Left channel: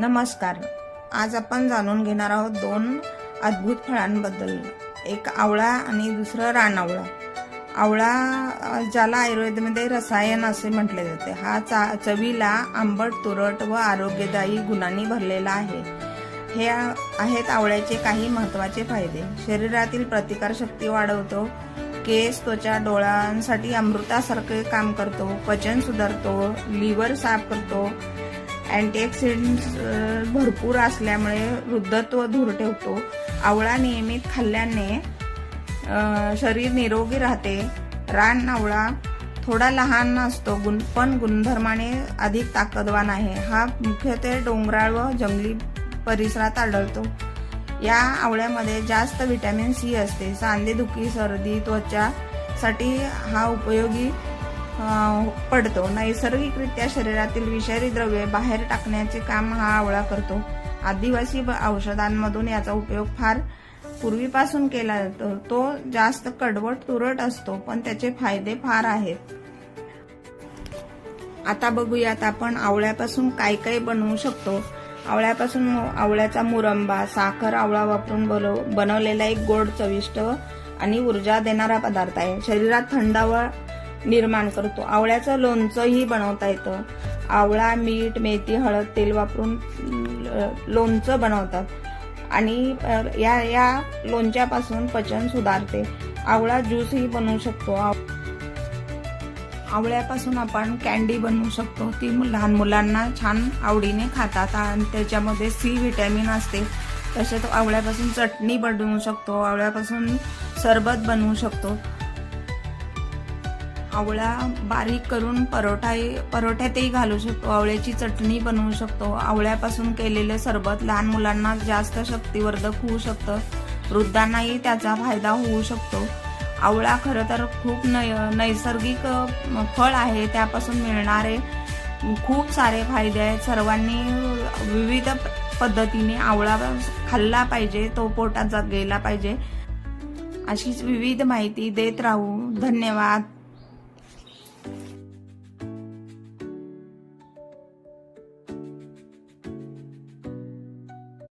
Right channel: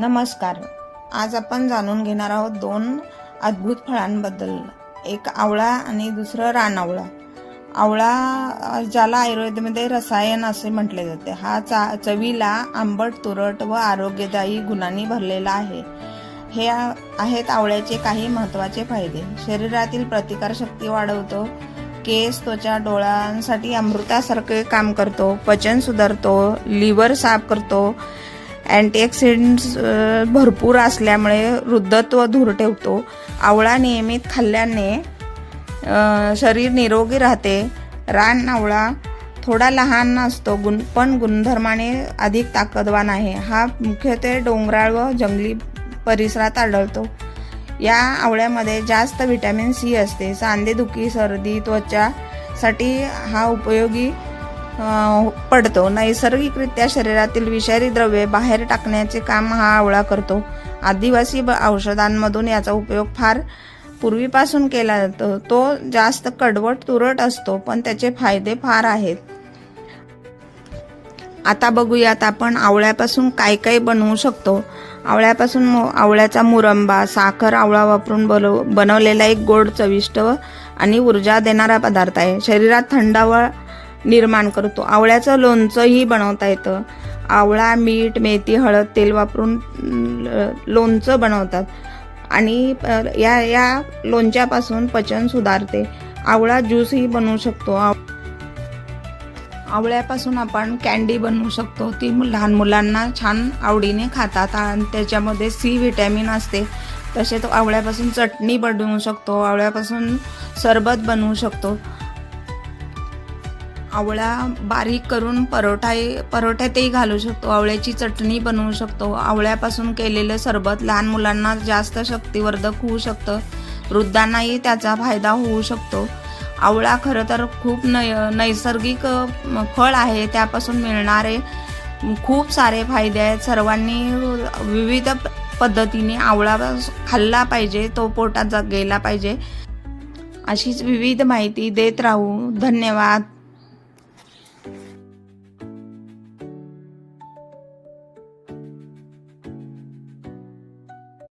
नमस्कार. आज आपण जाणून घेणार आहोत दोन अद्भुत फळांबद्दल. एक आवळा आणि दुसरं रानआवळा. आवळा ज्याला आयुर्वेदामध्ये रसायन असे म्हटले जाते, हा चवीला आंबट, तुरट व आरोग्यदायी गुणांनी भरलेला आहे. हे आहेत आवळ्याचे काही महत्त्वाचे फायदे. शरीरातील प्रतिकारशक्ती वाढवतो, केस, त्वचा, डोळ्यांसाठी अमृतासारखे काम करतो, पचन सुधारतो, लिव्हर साफ करतो, अँटीऑक्सिडंट्स भरपूर असल्यामुळे वृद्धत्व दूर ठेवतो. आवळा नियमित खाल्ल्याने शरीर निरोगी राहते. रानआवळा थोडा लहान असतो पण गुणधर्माने अधिक ताकदवान आहे. हा मुख्यत्वे डोंगराळ व जंगली परिसरात आढळतो. या आवळ्यामध्ये जास्त व्हिटॅमिन सी असते. सांधेदुखी, सर्दी, त्वचासाठी हा उपयोगी पडतो. नैसर्गिकरित्या शरीरातील विषारी द्रव्ये बाहेर टाकण्याचे काम हा आवळा करतो. आदिवासी औषधांमधून याचा उपयोग फार पूर्वीपासून केला जातो. तो जास्त कडवट, तुरट असतो, पण त्याचे फायदे फार आहेत. आता बघूयात आपण आवळ्यापासून काय काय बनवू शकतो. आवळ्यापासून आवळ्याचा मुरंबा, साखर, आवळा वापरून बनवलेला एक गोड, चविष्ट आणि ऊर्जा देणारा पदार्थ आहे. शरीरात थंडावा निर्माण करतो. आवळ्याचं लोणचंही बनवता येतं. आवळा, मीठ, मेथी, हळद, तेल वापरून लोणचं बनवतात आणि या लोणच्यापासून पचन सुधारते. आवळा ज्यूसही बनवू शकतो. आवळ्यापासून आपण कॅन्डी बनवू शकतो. ती लहान मुलांना छान आवडीने खातात आणि त्याच्यामध्ये सी व्हिटॅमिन असते. तसेच आवळ्यापासून चटणी बनवू शकतो. आवळ्यापासून सरबत बनवू शकतो. आवळा बारीक करून परोठ्यातही घालू शकतो. आवळ्याची चटणी बनवू शकतो. आवळ्यापासून केलेलं सरबत लहान मुलांना जास्त शक्तिवर्धक होऊ शकतं. वृद्धांनाही त्याचा फायदा होऊ शकतो. आवळा खरं तर खूप नैसर्गिक फळ आहे. त्यापासून मिळणारे खूप सारे फायदे आहेत. सर्वांनी विविध पद्धतीने आवळा खाल्ला पाहिजे, तो पोटात गेला पाहिजे. अशीच विविध माहिती देत राहू. धन्यवाद.